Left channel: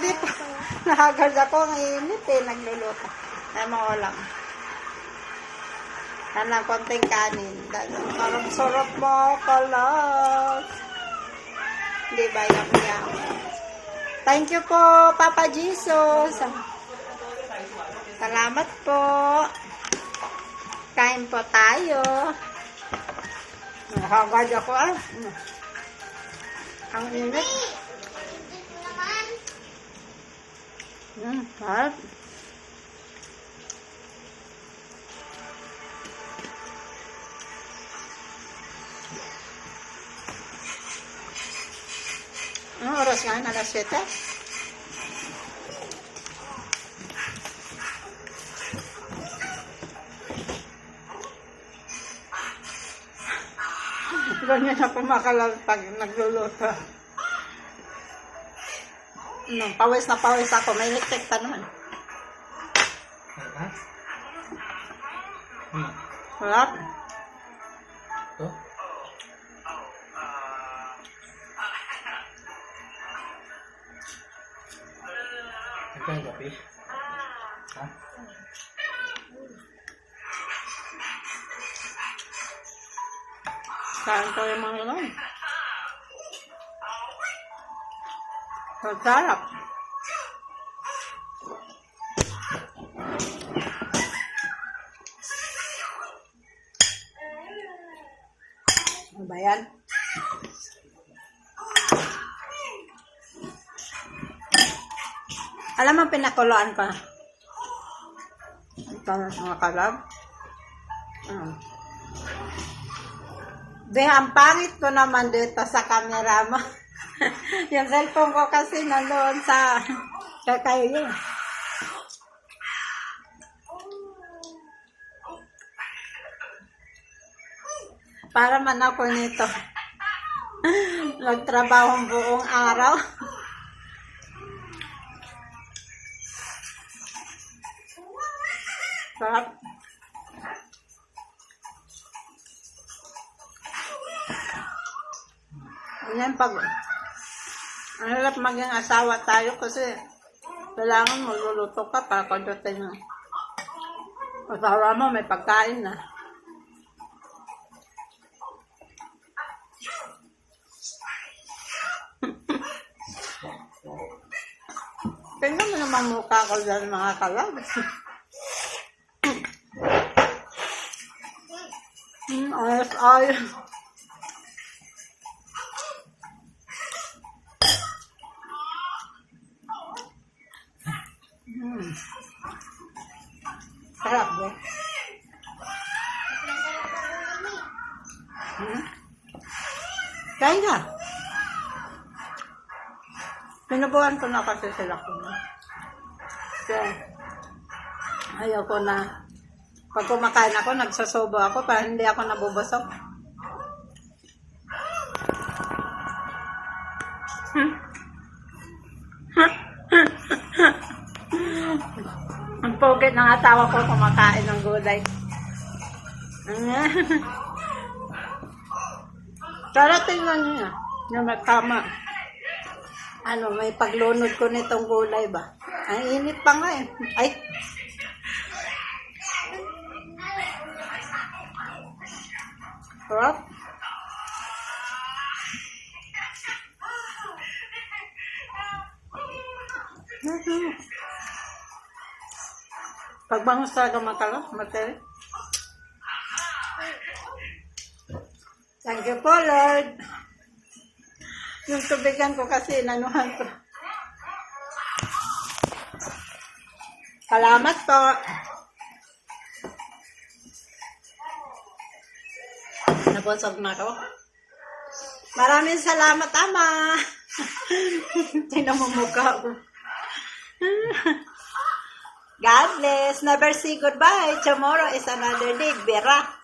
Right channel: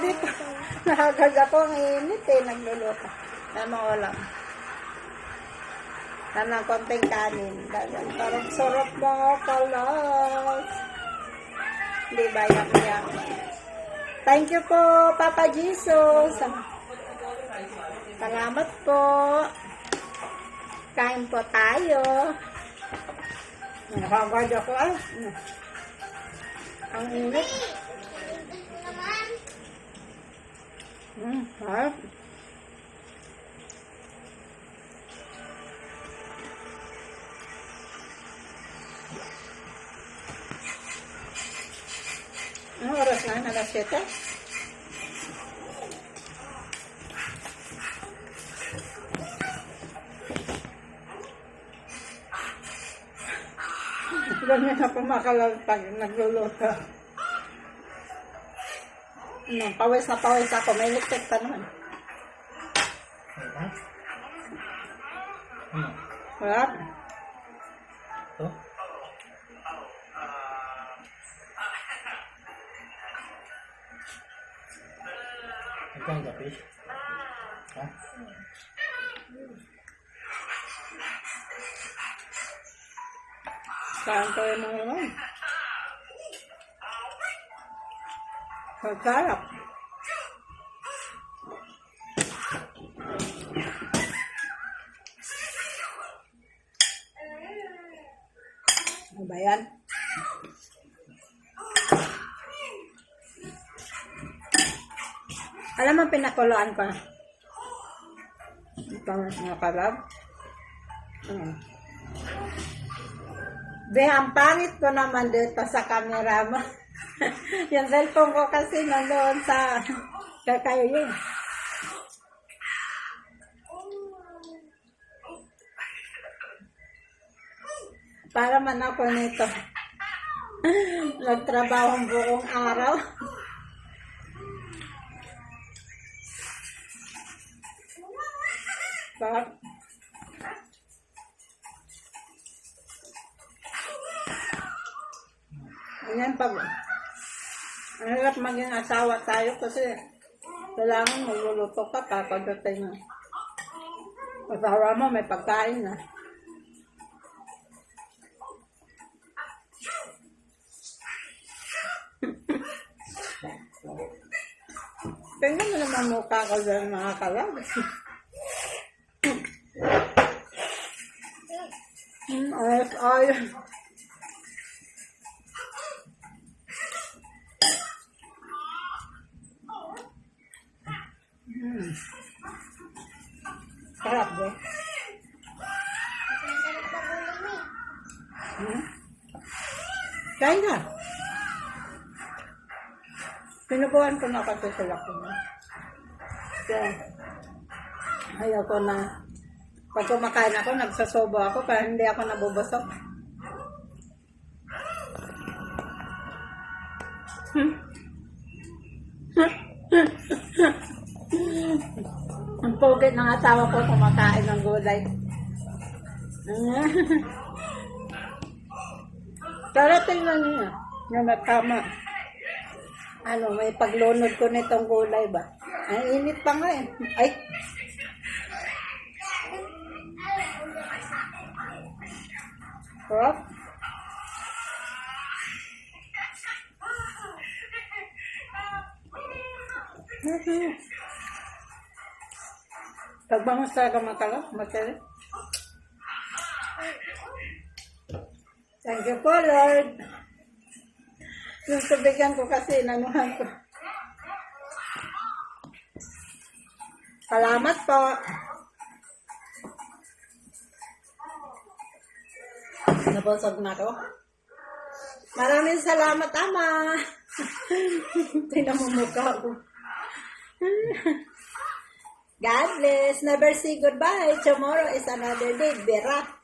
dito. Nakagard ako ang init eh. Nagluluto. Ay mo ulam. Anong konting kanin. Sarap-sarap mo, kalas. Di ba, yum. Thank you po, Papa Jesus. Salamat po. Kain po tayo. Nakagard ako ah. Ang init. Sarap. Ano oras nga? Alas 7? Ganyan na pumakalaw pag nagluluto. Pawis na pawis ako. May liktik ka naman. Wala. Ito? Nagkain ka, fish? Ha? Kain ko yung mga naman. Sarap. Ano ba yan? Alam mo, pinakuluan ko na. Ito mga kalab. Be, ang pangit ko naman dito sa camera mo. Yung cellphone ko kasi nandoon sa kayo yun. Para man ako nito. Nagtrabaho buong araw. Sarap. Ganyan pag ang hirap maging asawa tayo kasi kailangan magluluto ka para pagdating ng asawa mo may pagkain na. Tingnan mo naman mukha ko dyan mga kalab. Ayos. Sarap deh. Kain ka. Pinubuhan ko na kasi sila ko na. So, ayaw ko na. Pag kumakain ako, nagsasobo ako para hindi ako nabubusog. Ang pogi ng asawa ko kumakain ng gulay. Pero tingnan niyo na may tama. May paglunod ko nitong gulay ba? Ang init pa nga eh. Ay! Sarap. Pagbangos talaga makala, materi. Thank you po, Lord. Yung tubigan ko kasi inanuhan ko. Salamat po. Nabusog na ako. Maraming salamat, Ama. Tingnan mo mukha ko. God bless. Never say goodbye. Tomorrow is another day. Bira.